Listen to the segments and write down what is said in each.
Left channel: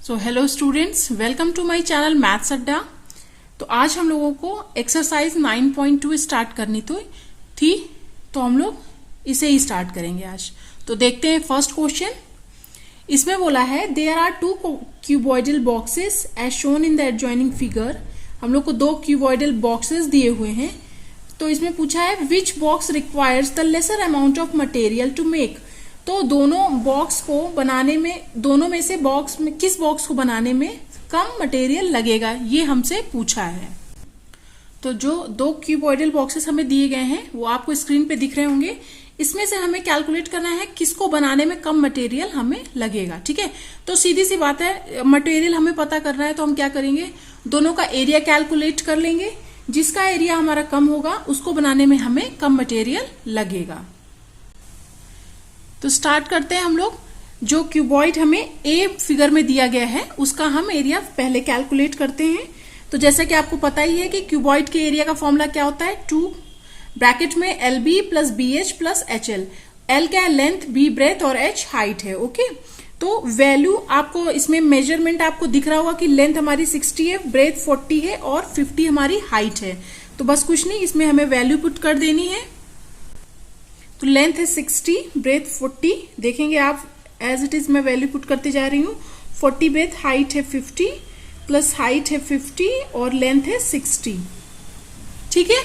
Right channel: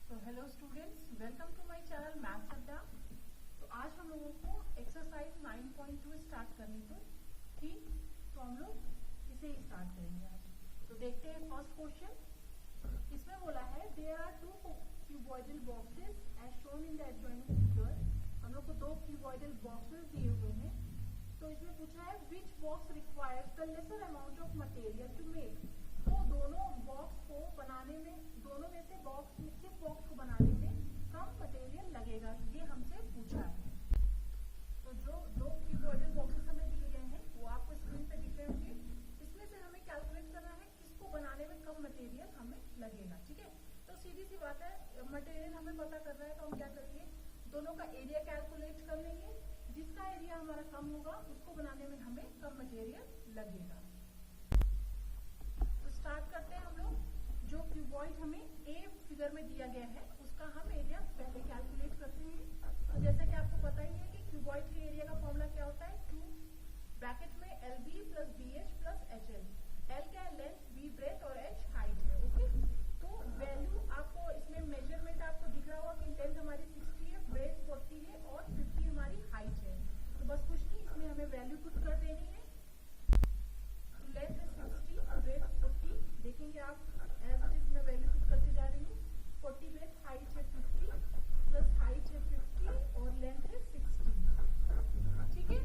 So hello students, welcome to my channel Maths Adda. तो आज हम लोगों को एक्सरसाइज 9.2 स्टार्ट करनी थी। तो हम लोग इसे ही स्टार्ट करेंगे आज। तो देखते हैं फर्स्ट क्वेश्चन। इसमें बोला है there are two cuboidal boxes as shown in the adjoining figure. हम लोग को दो क्यूबॉइडल बॉक्सेस दिए हुए हैं। तो इसमें पूछा है which box requires the lesser amount of material to make. तो दोनों बॉक्स को बनाने में, दोनों में से बॉक्स में किस बॉक्स को बनाने में कम मटेरियल लगेगा, ये हमसे पूछा है। तो जो दो क्यूबॉइडल बॉक्सेस हमें दिए गए हैं वो आपको स्क्रीन पे दिख रहे होंगे। इसमें से हमें कैलकुलेट करना है किसको बनाने में कम मटेरियल हमें लगेगा। ठीक है, तो सीधी सी बात है, मटेरियल हमें पता करना है तो हम क्या करेंगे, दोनों का एरिया कैलकुलेट कर लेंगे। जिसका एरिया हमारा कम होगा उसको बनाने में हमें कम मटेरियल लगेगा। तो स्टार्ट करते हैं हम लोग। जो क्यूबॉइड हमें ए फिगर में दिया गया है उसका हम एरिया पहले कैलकुलेट करते हैं। तो जैसा कि आपको पता ही है कि क्यूबॉइड के एरिया का फॉर्मूला क्या होता है, 2 ब्रैकेट में LB plus BH plus HL। L क्या है, लेंथ, B ब्रेथ और H हाइट है। ओके, तो वैल्यू आपको इसमें मेजरमेंट आपको दिख रहा होगा कि लेंथ हमारी 60 है, ब्रेथ 40 है और 50 हमारी हाइट है। तो बस कुछ नहीं, इसमें हमें वैल्यू पुट कर देनी है। तो लेंथ है 60, ब्रेथ 40, देखेंगे आप एज इट इज मैं वैल्यू पुट करते जा रही हूँ। 40 ब्रेथ, हाइट है 50 प्लस हाइट है 50 और लेंथ है 60। ठीक है,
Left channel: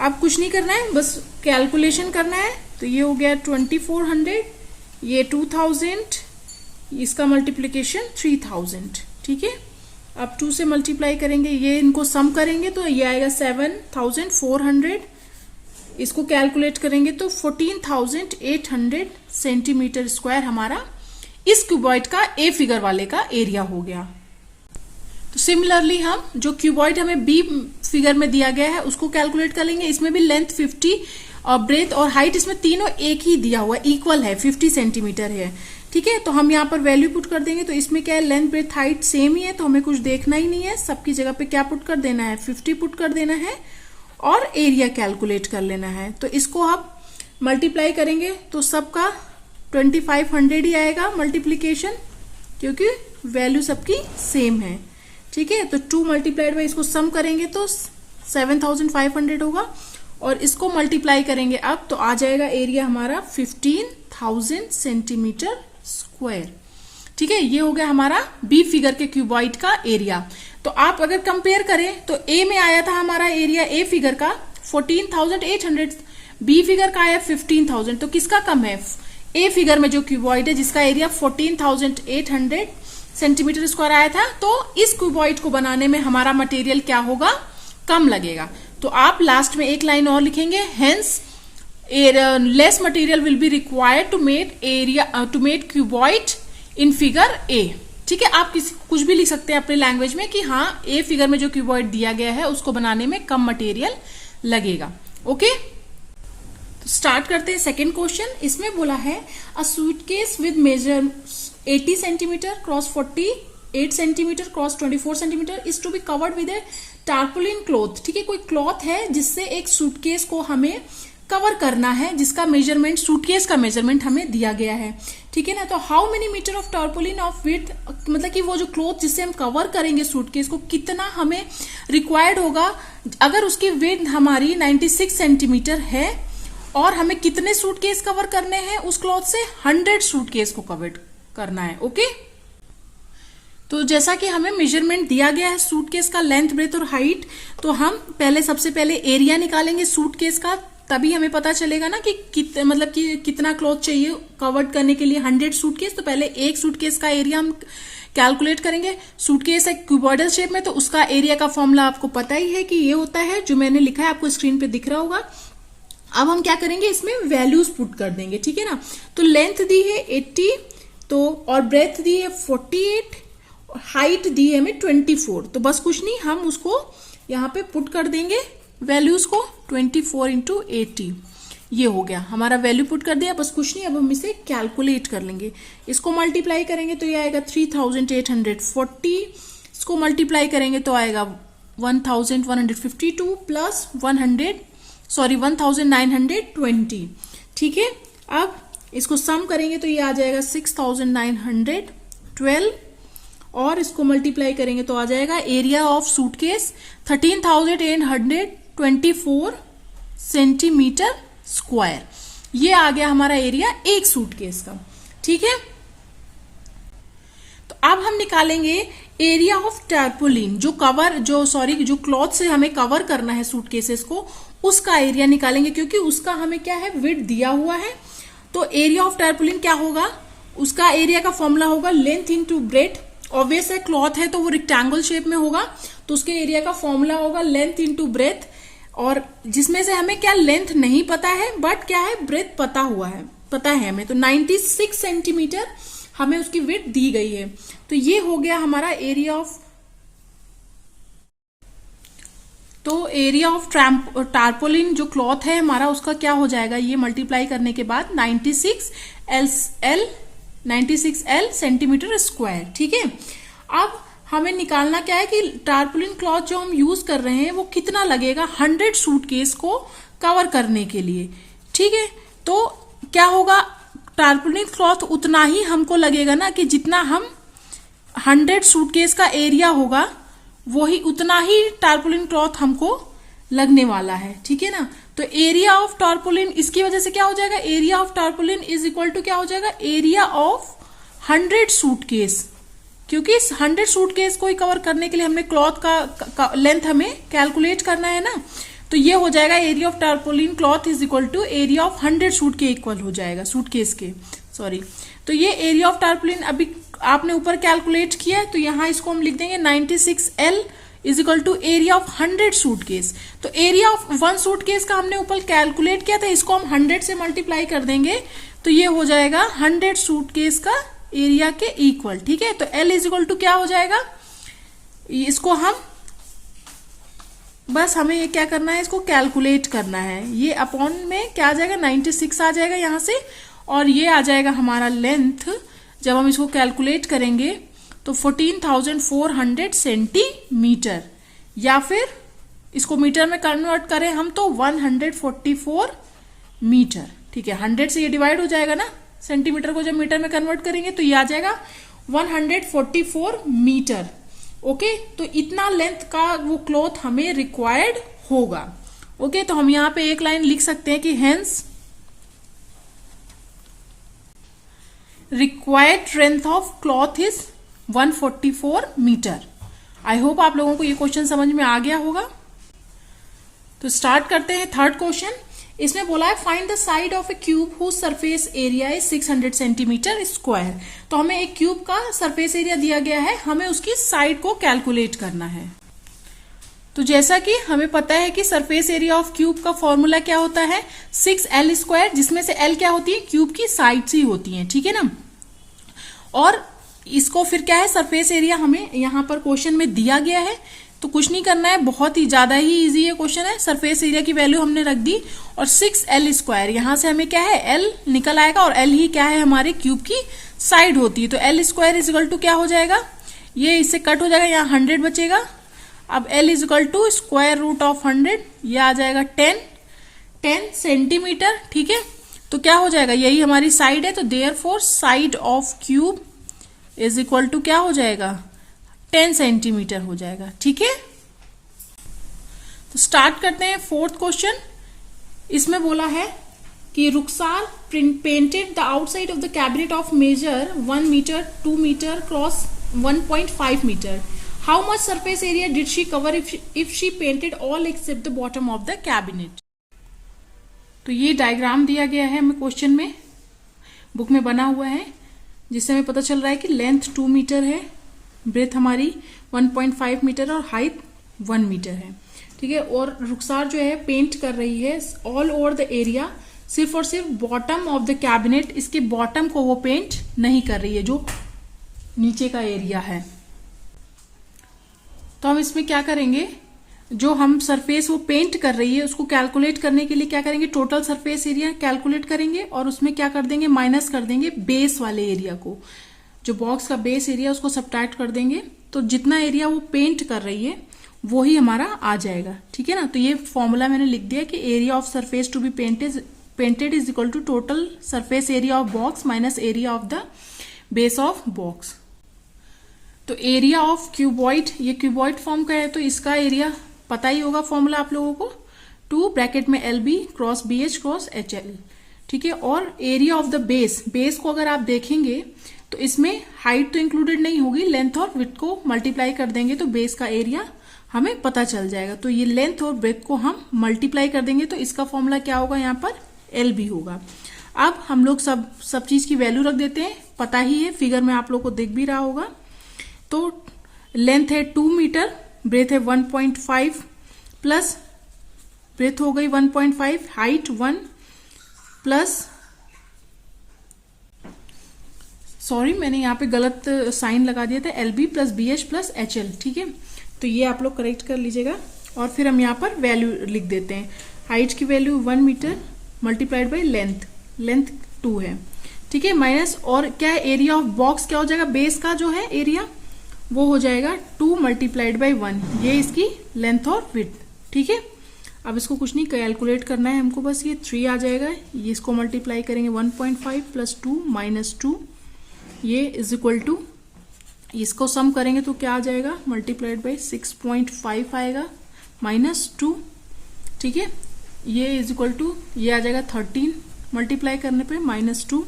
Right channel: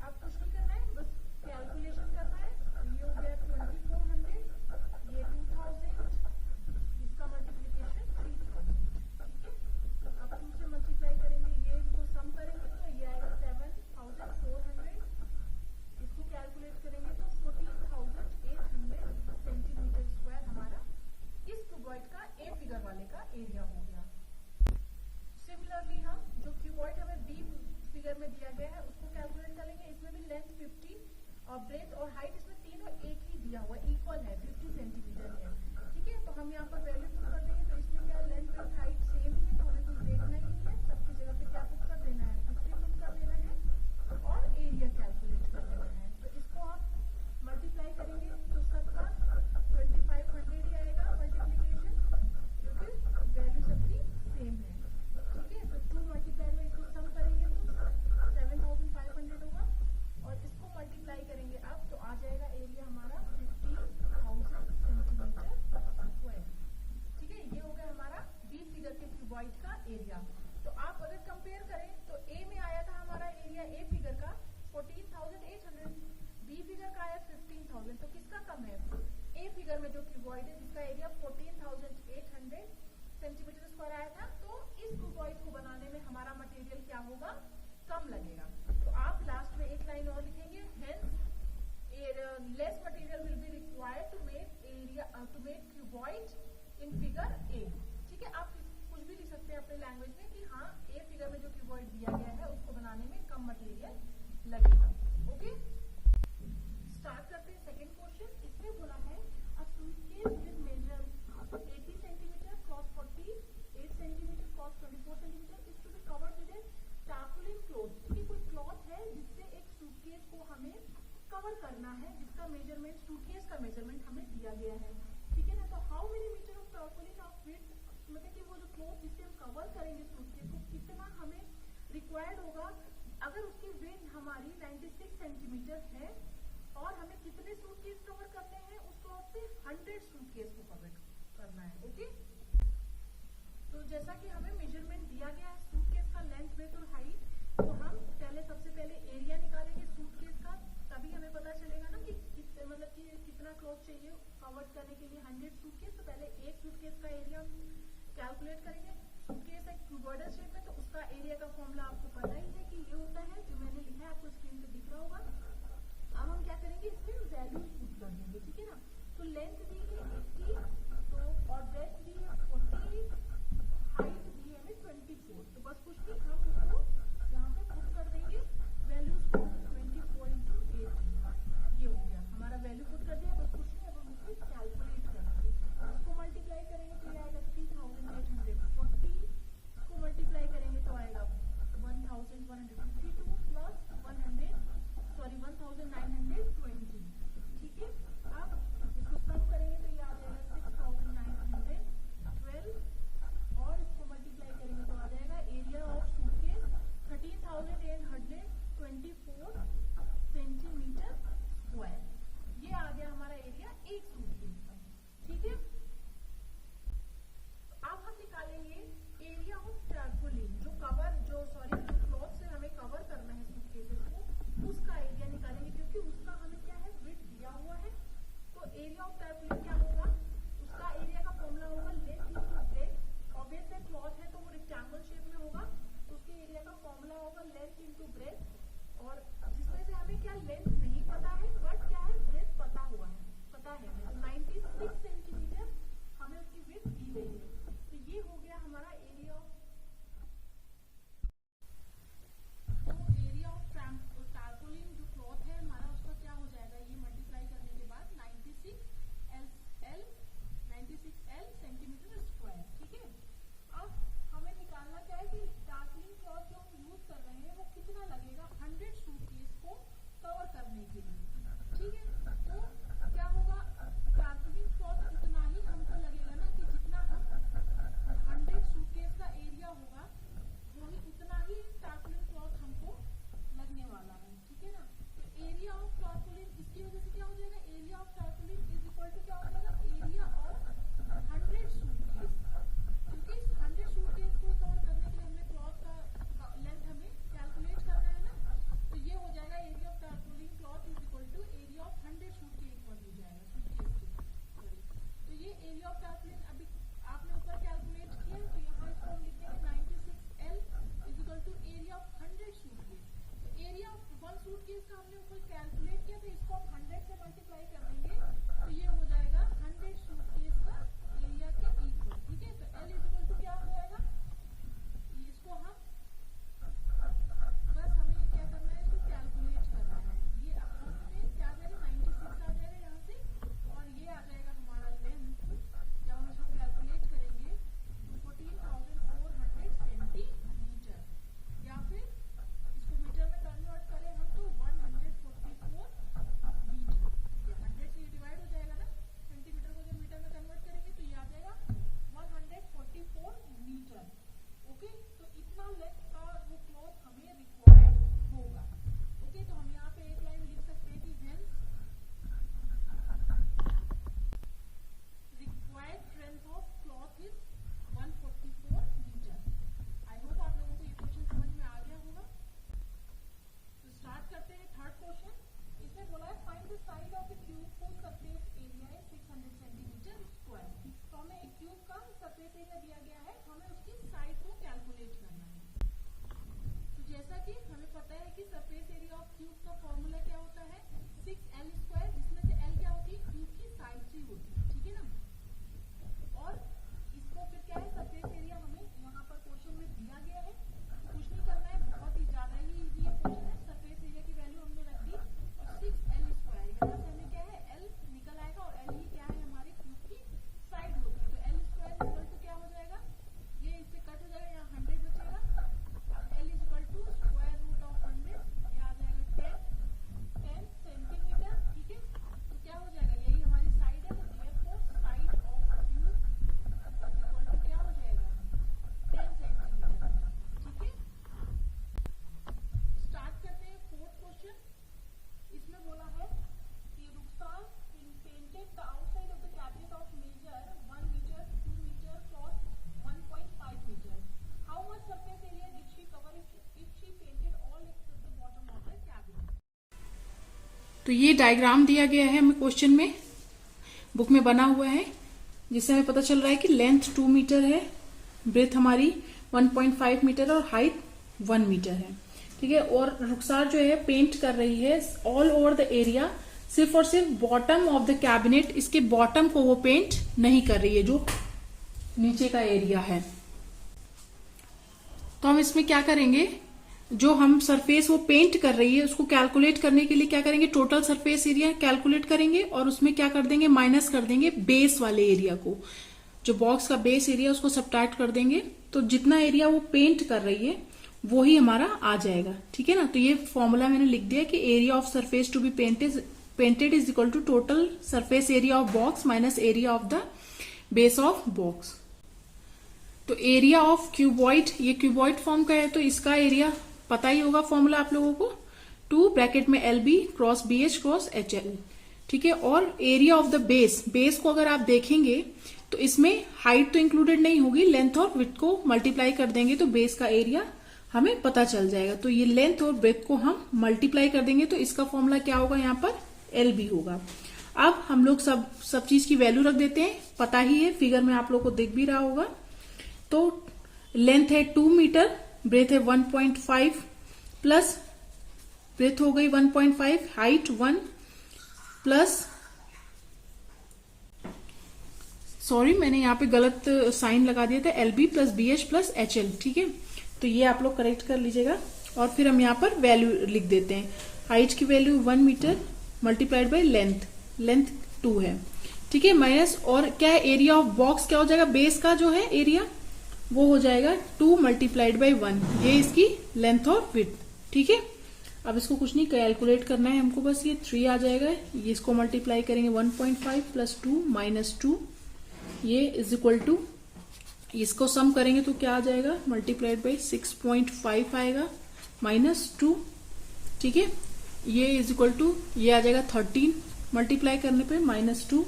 आप कुछ नहीं करना है, बस कैलकुलेशन करना है। तो ये हो गया 2400, ये 2000, इसका मल्टीप्लीकेशन 3000। ठीक है, अब 2 से मल्टीप्लाई करेंगे, ये इनको सम करेंगे तो ये आएगा 7400। इसको कैलकुलेट करेंगे तो 14,800 सेंटीमीटर स्क्वायर हमारा इस क्यूबॉइड का ए फिगर वाले का एरिया हो गया। तो सिमिलरली हम जो क्यूबॉइड हमें बी फिगर में दिया गया है उसको कैलकुलेट कर लेंगे। इसमें भी लेंथ 50 और ब्रेथ और हाइट इसमें तीनों एक ही दिया हुआ, इक्वल है, 50 सेंटीमीटर है। ठीक है, तो हम यहाँ पर वैल्यू पुट कर देंगे। तो इसमें क्या है, लेंथ ब्रेथ हाइट सेम ही है, तो हमें कुछ देखना ही नहीं है। सबकी जगह पे क्या पुट कर देना है, 50 पुट कर देना है और एरिया कैलकुलेट कर लेना है। तो इसको आप मल्टीप्लाई करेंगे तो सबका 2500 ही आएगा मल्टीप्लीकेशन, क्योंकि वैल्यू सबकी सेम है। ठीक है, तो 2 मल्टीप्लाइड बाई इसको सम करेंगे तो 7500 होगा और इसको मल्टीप्लाई करेंगे अब तो आ जाएगा एरिया हमारा 15,000 सेंटीमीटर स्क्वायर। ठीक है, ये हो गया हमारा बी फिगर के क्यूबॉइड का एरिया। तो आप अगर कंपेयर करें तो ए में आया था हमारा एरिया ए फिगर का 14,800, बी फिगर का आया 15,000। तो किसका कम है, ए फिगर में जो क्यूबॉइड है जिसका एरिया 14,800 सेंटीमीटर स्क्वायर आया था, तो इस क्यूबॉइड को बनाने में हमारा मटेरियल क्या होगा, कम लगेगा। तो आप लास्ट में एक लाइन और लिखेंगे, hence less material will be required to make cuboid in figure A. ठीक है, आप कुछ भी लिख सकते हैं अपने लैंग्वेज में कि हाँ, ए फिगर में जो क्यूबॉइड दिया गया है उसको बनाने में कम मटेरियल लगेगा। ओके, तो स्टार्ट करते हैं सेकंड क्वेश्चन। इसमें बोला है a suitcase with measure 80 centimetre cross 48 centimetre cross 24 centimetre is to be covered with a tarpaulin cloth. ठीक है, कोई क्लॉथ है जिससे एक सूटकेस को हमें कवर करना है, जिसका मेजरमेंट, सूटकेस का मेजरमेंट हमें दिया गया है। ठीक है ना, तो how many metre of tarpaulin of width, मतलब कि वो जो क्लॉथ जिससे हम कवर करेंगे सूटकेस को, कितना हमें रिक्वायर्ड होगा। अगर उसकी विड्थ हमारी 96 सेंटीमीटर है और हमें कितने सूटकेस कवर करने हैं उस क्लॉथ से, 100 सूटकेस को कवर करना है। ओके, तो जैसा कि हमें मेजरमेंट दिया गया है सूटकेस का, लेंथ ब्रेथ और हाइट, तो हम सबसे पहले एरिया निकालेंगे सूटकेस का, तभी हमें पता चलेगा ना कि मतलब कि कितना क्लॉथ चाहिए कवर्ड करने के लिए 100 सूटकेस। तो पहले एक सूटकेस का एरिया हम कैलकुलेट करेंगे। सूटकेस है क्यूबॉइडल शेप में, तो उसका एरिया का फॉर्मूला आपको पता ही है कि ये होता है, जो मैंने लिखा है आपको स्क्रीन पे दिख रहा होगा। अब हम क्या करेंगे, इसमें वैल्यूज पुट कर देंगे। ठीक है ना, तो लेंथ दी है 80 तो और ब्रेथ दी है 48, हाइट दी है हमें 24। तो बस कुछ नहीं, हम उसको यहाँ पे पुट कर देंगे वैल्यूज को, 24 इंटू 80, ये हो गया हमारा वैल्यू पुट कर दिया। बस कुछ नहीं, अब हम इसे कैलकुलेट कर लेंगे। इसको मल्टीप्लाई करेंगे तो ये आएगा 3,840, इसको मल्टीप्लाई करेंगे तो आएगा 1,152 प्लस 1,920। ठीक है, अब इसको सम करेंगे तो ये आ जाएगा 6,912 और इसको मल्टीप्लाई करेंगे तो आ जाएगा area of suitcase 13,824 centimetre square. ये आ गया हमारा एरिया एक सूटकेस का। ठीक है, तो अब हम निकालेंगे एरिया ऑफ टारपोलिन, जो क्लॉथ से हमें कवर करना है सूटकेसेस को, उसका एरिया निकालेंगे, क्योंकि उसका हमें क्या है, विड्थ दिया हुआ है। तो एरिया ऑफ टारपोलिन क्या होगा, उसका एरिया का फॉर्मूला होगा लेंथ इनटू ब्रेथ। ऑब्वियस है, क्लॉथ है तो वो रेक्टेंगल शेप में होगा, तो उसके एरिया का फॉर्मूला होगा लेंथ इनटू ब्रेथ। और जिसमें से हमें क्या लेंथ नहीं पता है, बट क्या है, ब्रेथ पता है हमें। तो 96 सेंटीमीटर हमें उसकी विड्थ दी गई है। तो ये हो गया हमारा एरिया ऑफ टारपोलिन जो क्लॉथ है हमारा, उसका क्या हो जाएगा, ये मल्टीप्लाई करने के बाद 96L सेंटीमीटर स्क्वायर। ठीक है, अब हमें निकालना क्या है कि टारपोलिन क्लॉथ जो हम यूज कर रहे हैं वो कितना लगेगा 100 सूटकेस को कवर करने के लिए। ठीक है, तो क्या होगा, टारपोलिन क्लॉथ उतना ही हमको लगेगा ना, कि जितना हम 100 सूटकेस का एरिया होगा वही उतना ही टारपोलिन क्लॉथ हमको लगने वाला है। ठीक है ना, तो एरिया ऑफ टारपोलिन, इसकी वजह से क्या हो जाएगा, area of tarpaulin is equal to क्या हो जाएगा, एरिया ऑफ 100 सूटकेस, क्योंकि 100 सूटकेस को ही कवर करने के लिए हमें क्लॉथ का लेंथ हमें कैलकुलेट करना है ना। तो ये हो जाएगा area of tarpaulin cloth is equal to area of 100 suit के इक्वल हो जाएगा, सूटकेस के, सॉरी। तो ये एरिया ऑफ टारपोलिन अभी आपने ऊपर कैलकुलेट किया है, तो यहाँ इसको हम लिख देंगे 96L is equal to area of 100 suitcase. तो एरिया ऑफ 1 सूटकेस का हमने ऊपर कैलकुलेट किया था, इसको हम 100 से मल्टीप्लाई कर देंगे तो ये हो जाएगा 100 सूटकेस का एरिया के इक्वल। ठीक है, तो L इज इक्वल टू क्या हो जाएगा, इसको हम बस हमें ये क्या करना है, इसको कैलकुलेट करना है। ये अपॉन में क्या आ जाएगा, 96 आ जाएगा यहां से, और ये आ जाएगा हमारा लेंथ। जब हम इसको कैलकुलेट करेंगे तो 14,400 सेंटीमीटर, या फिर इसको मीटर में कन्वर्ट करें हम तो 144 मीटर। ठीक है, 100 से ये डिवाइड हो जाएगा ना, सेंटीमीटर को जब मीटर में कन्वर्ट करेंगे तो ये आ जाएगा 144 मीटर। ओके, तो इतना लेंथ का वो क्लॉथ हमें रिक्वायर्ड होगा। ओके, तो हम यहाँ पे एक लाइन लिख सकते हैं कि hence required length of cloth is 144 metre. I hope आप लोगों को ये क्वेश्चन समझ में आ गया होगा। तो स्टार्ट करते हैं थर्ड क्वेश्चन। इसमें बोला है find the side of a cube whose surface area is 600 centimetre square. तो हमें एक क्यूब का सरफेस एरिया दिया गया है, हमें उसकी साइड को कैलकुलेट करना है। तो जैसा कि हमें पता है कि सरफेस एरिया ऑफ क्यूब का फॉर्मूला क्या होता है, 6L स्क्वायर, जिसमें से L क्या होती है, क्यूब की साइड्स ही होती हैं। ठीक है ना, और इसको फिर क्या है, सरफेस एरिया हमें यहाँ पर क्वेश्चन में दिया गया है, तो कुछ नहीं करना है, बहुत ही ज्यादा ही इजी ये क्वेश्चन है। सरफेस एरिया की वैल्यू हमने रख दी और 6L स्क्वायर, यहां से हमें क्या है, L निकल आएगा, और L ही क्या है, हमारे क्यूब की साइड होती है। तो L square is equal to क्या हो जाएगा, ये इससे कट हो जाएगा, यहाँ 100 बचेगा। अब L is equal to square root of 100, ये आ जाएगा 10 सेंटीमीटर। ठीक है, तो क्या हो जाएगा, यही हमारी साइड है, तो therefore side of cube is equal to क्या हो जाएगा, 10 सेंटीमीटर हो जाएगा। ठीक है, तो स्टार्ट करते हैं फोर्थ क्वेश्चन। इसमें बोला है कि Rukhsar painted the outside of the cabinet of measure 1 metre 2 metre cross 1.5 metre. How much surface area did she cover if she painted all except the bottom of the cabinet. तो ये diagram दिया गया है हमें क्वेश्चन में, book में बना हुआ है, जिससे हमें पता चल रहा है कि लेंथ 2 मीटर है, ब्रेथ हमारी 1.5 मीटर और हाइट 1 मीटर है। ठीक है, और रुखसार जो है पेंट कर रही है ऑल ओवर द एरिया, सिर्फ और सिर्फ बॉटम ऑफ द कैबिनेट, इसके बॉटम को वो पेंट नहीं कर रही है, जो नीचे का एरिया है। तो हम इसमें क्या करेंगे, जो हम सरफेस वो पेंट कर रही है उसको कैलकुलेट करने के लिए क्या करेंगे, टोटल सरफेस एरिया कैलकुलेट करेंगे और उसमें क्या कर देंगे, माइनस कर देंगे बेस वाले एरिया को, जो बॉक्स का बेस एरिया उसको सब्ट्रैक्ट कर देंगे, तो जितना एरिया वो पेंट कर रही है वो ही हमारा आ जाएगा। ठीक है ना, तो ये फॉर्मूला मैंने लिख दिया कि area of surface to be painted is equal to total surface area of box minus area of the base of box. तो एरिया ऑफ क्यूबॉइड, ये क्यूबॉइड फॉर्म का है तो इसका एरिया पता ही होगा फॉर्मूला आप लोगों को, 2 ब्रैकेट में LB cross BH cross HL, ठीक है। और area of the base, base को अगर आप देखेंगे तो इसमें हाइट तो इंक्लूडेड नहीं होगी, लेंथ और विड्थ को मल्टीप्लाई कर देंगे तो बेस का एरिया हमें पता चल जाएगा। तो ये लेंथ और ब्रेथ को हम मल्टीप्लाई कर देंगे तो इसका फॉर्मूला क्या होगा, यहाँ पर LB होगा। अब हम लोग सब चीज की वैल्यू रख देते हैं, पता ही है, फिगर में आप लोग को दिख भी रहा होगा। तो लेंथ है 2 मीटर, ब्रेथ है 1.5 प्लस ब्रेथ हो गई 1.5, हाइट 1 प्लस, सॉरी मैंने यहाँ पे गलत साइन लगा दिया था, LB plus BH plus HL, ठीक है। तो ये आप लोग करेक्ट कर लीजिएगा। और फिर हम यहाँ पर वैल्यू लिख देते हैं, हाइट की value 1 metre multiplied by length 2 है, ठीक है, माइनस, और क्या है, एरिया ऑफ बॉक्स क्या हो जाएगा, बेस का जो है एरिया वो हो जाएगा 2 मल्टीप्लाइड बाई 1, ये इसकी लेंथ और विड्थ, ठीक है। अब इसको कुछ नहीं कैलकुलेट करना है हमको, बस ये 3 आ जाएगा, ये इसको मल्टीप्लाई करेंगे 1.5 प्लस 2 माइनस 2, ये इज इक्वल टू, इसको सम करेंगे तो क्या आ जाएगा, मल्टीप्लाइड बाई 6.5 आएगा माइनस 2, ठीक है, ये इज इक्वल टू, ये आ जाएगा 13 मल्टीप्लाई करने पे माइनस 2,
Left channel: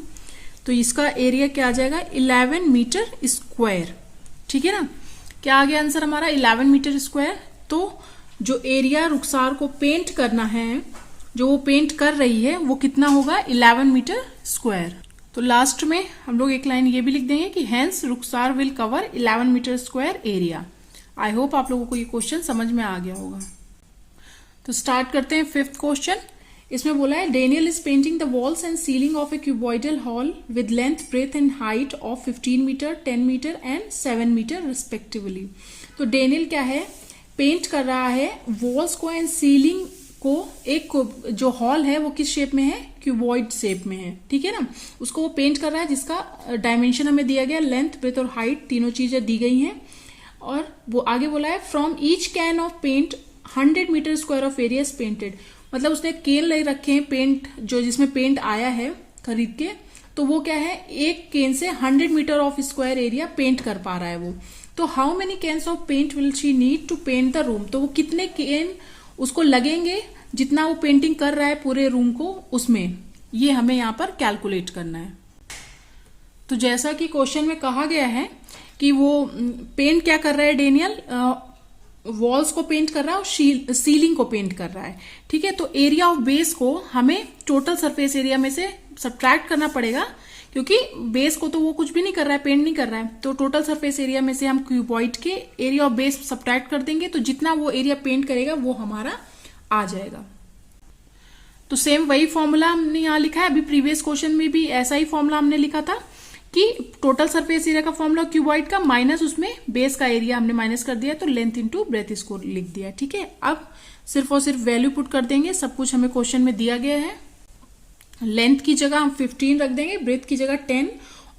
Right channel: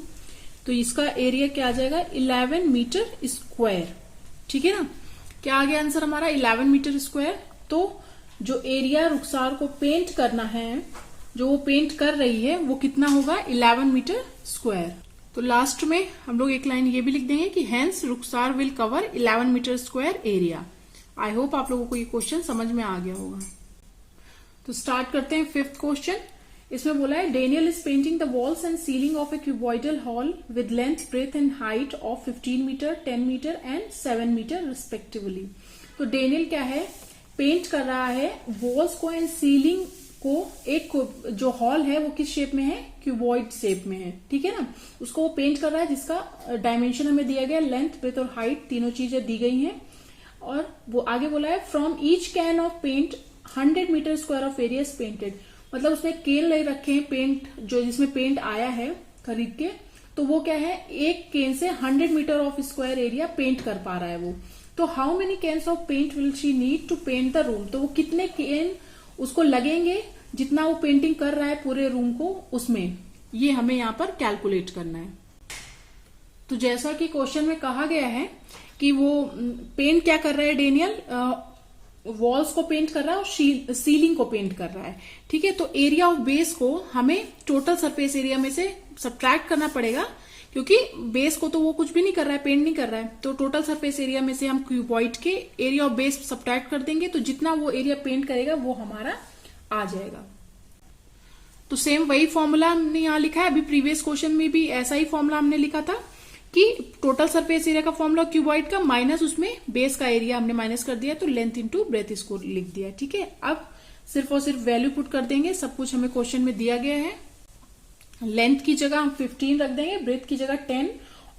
तो इसका एरिया क्या आ जाएगा 11 मीटर स्क्वायर, ठीक है ना। क्या आ गया आंसर हमारा 11 मीटर स्क्वायर। तो जो एरिया रुखसार को पेंट करना है, जो वो पेंट कर रही है, वो कितना होगा 11 मीटर स्क्वायर। तो लास्ट में हम लोग एक लाइन ये भी लिख देंगे कि hence Rukhsar will cover 11 metre square area. I hope आप लोगों को ये क्वेश्चन समझ में आ गया होगा। तो स्टार्ट करते हैं 5th क्वेश्चन। इसमें बोला है Daniel is painting the walls and ceiling of a cuboidal hall with length, breadth and height of 15 metre, 10 metre and 7 metre respectively. तो डेनियल क्या है, पेंट कर रहा है वॉल्स को एंड सीलिंग को, एक जो हॉल है वो किस शेप में है, क्यूबॉइड शेप में है, ठीक है ना। उसको वो पेंट कर रहा है जिसका डायमेंशन हमें दिया गया, लेंथ, ब्रेथ और हाइट तीनों चीजें दी गई हैं। और वो आगे बोला है from each can of paint 100 metre square of area is painted. मतलब उसने केन ले रखे हैं पेंट, जो जिसमें पेंट आया है खरीद के, तो वो क्या है, एक केन से 100 metre of square area paint कर पा रहा है वो। तो how many cans of paint will she need to paint the room. तो वो कितने केन उसको लगेंगे जितना वो पेंटिंग कर रहा है पूरे रूम को, उसमें ये हमें यहाँ पर कैलकुलेट करना है। तो जैसा कि क्वेश्चन में कहा गया है कि वो पेंट क्या कर रहा है डेनियल, वॉल्स को पेंट कर रहा है और सीलिंग को पेंट कर रहा है, ठीक है। तो एरिया ऑफ बेस को हमें टोटल सरफेस एरिया में से सब्ट्रैक्ट करना पड़ेगा, क्योंकि बेस को तो वो कुछ भी नहीं कर रहा है, पेंट नहीं कर रहा है। तो टोटल सरफेस एरिया में से हम क्यूबॉइड के एरिया ऑफ बेस सब्ट्रैक्ट कर देंगे, तो जितना वो एरिया पेंट करेगा वो हमारा आ जाएगा। तो सेम वही फॉर्मूला हमने यहाँ लिखा है, अभी प्रीवियस क्वेश्चन में भी ऐसा ही फॉर्मूला हमने लिखा था कि टोटल सरफेस एरिया का फॉर्मूला क्यूबॉइड का माइनस उसमें बेस का एरिया हमने माइनस कर दिया, तो लेंथ इंटू ब्रेथ इसको लिख दिया, ठीक है। अब सिर्फ और सिर्फ वैल्यू पुट कर देंगे, सब कुछ हमें क्वेश्चन में दिया गया है। लेंथ की जगह हम 15 रख देंगे, ब्रेथ की जगह 10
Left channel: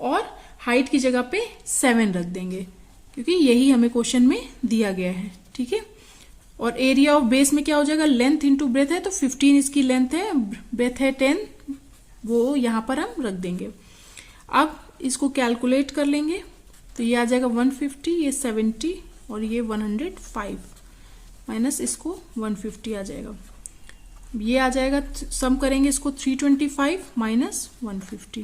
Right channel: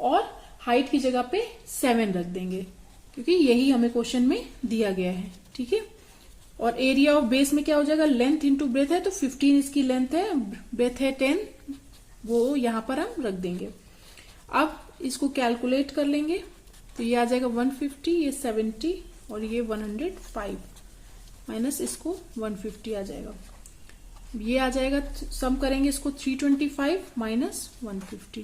और हाइट की जगह पे 7 रख देंगे, क्योंकि यही हमें क्वेश्चन में दिया गया है, ठीक है। और एरिया ऑफ बेस में क्या हो जाएगा, लेंथ इंटू ब्रेथ है, तो 15 इसकी लेंथ है, ब्रेथ है 10, वो यहां पर हम रख देंगे। अब इसको कैलकुलेट कर लेंगे, तो ये आ जाएगा 150, ये 70 और ये 105 माइनस इसको 150 आ जाएगा। ये आ जाएगा, सम करेंगे इसको 325 माइनस 150,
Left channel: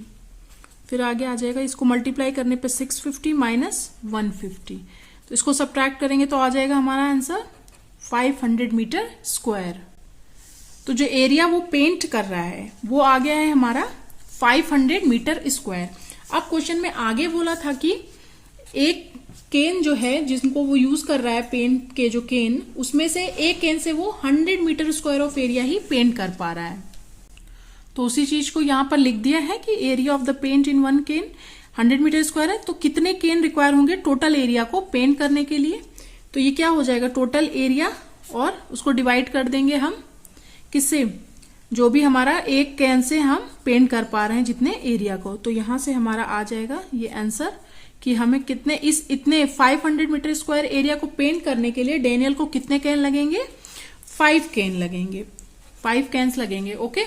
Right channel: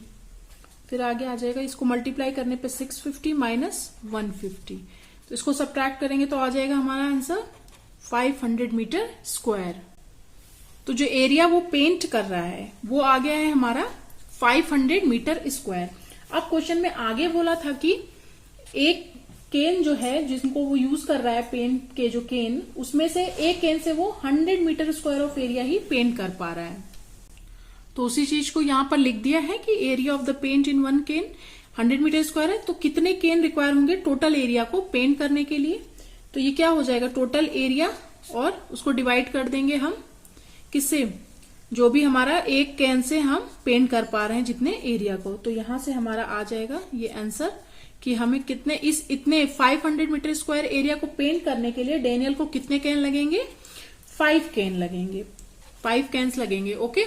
फिर आगे आ जाएगा, इसको मल्टीप्लाई करने पे 650 माइनस 150, तो इसको सब्ट्रैक्ट करेंगे तो आ जाएगा हमारा आंसर 500 मीटर स्क्वायर। तो जो एरिया वो पेंट कर रहा है वो आ गया है हमारा 500 मीटर स्क्वायर। अब क्वेश्चन में आगे बोला था कि एक केन जो है जिसको वो यूज कर रहा है पेंट के जो केन, उसमें से एक केन से वो 100 मीटर स्क्वायर ऑफ एरिया ही पेंट कर पा रहा है। तो उसी चीज को यहां पर लिख दिया है कि area of the paint in one can 100 metre square है, तो कितने केन रिक्वायर होंगे टोटल एरिया को पेंट करने के लिए। तो ये क्या हो जाएगा, टोटल एरिया, और उसको डिवाइड कर देंगे हम किससे, जो भी हमारा एक कैन से हम पेंट कर पा रहे हैं जितने एरिया को। तो यहां से हमारा आ जाएगा ये आंसर कि हमें कितने इतने 500 मीटर स्क्वायर एरिया को पेंट करने के लिए डेनियल को कितने कैन लगेंगे, 5 कैन लगेंगे, 5 कैन्स लगेंगे। ओके,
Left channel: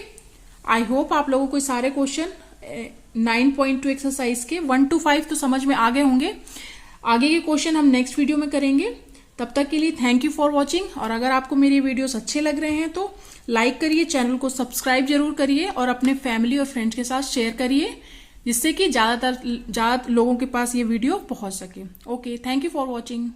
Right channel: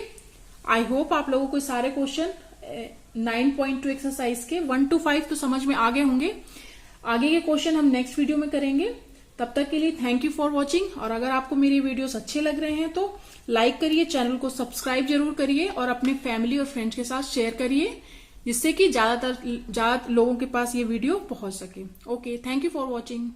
आई होप आप लोगों को सारे क्वेश्चन 9.2 एक्सरसाइज के 1 to 5 तो समझ में आ गए होंगे। आगे के क्वेश्चन हम नेक्स्ट वीडियो में करेंगे। तब तक के लिए थैंक यू फॉर वॉचिंग। और अगर आपको मेरी वीडियोस अच्छे लग रहे हैं तो लाइक करिए, चैनल को सब्सक्राइब जरूर करिए और अपने फैमिली और फ्रेंड्स के साथ शेयर करिए, जिससे कि ज्यादा लोगों के पास ये वीडियो पहुंच सके। Okay, thank you for watching.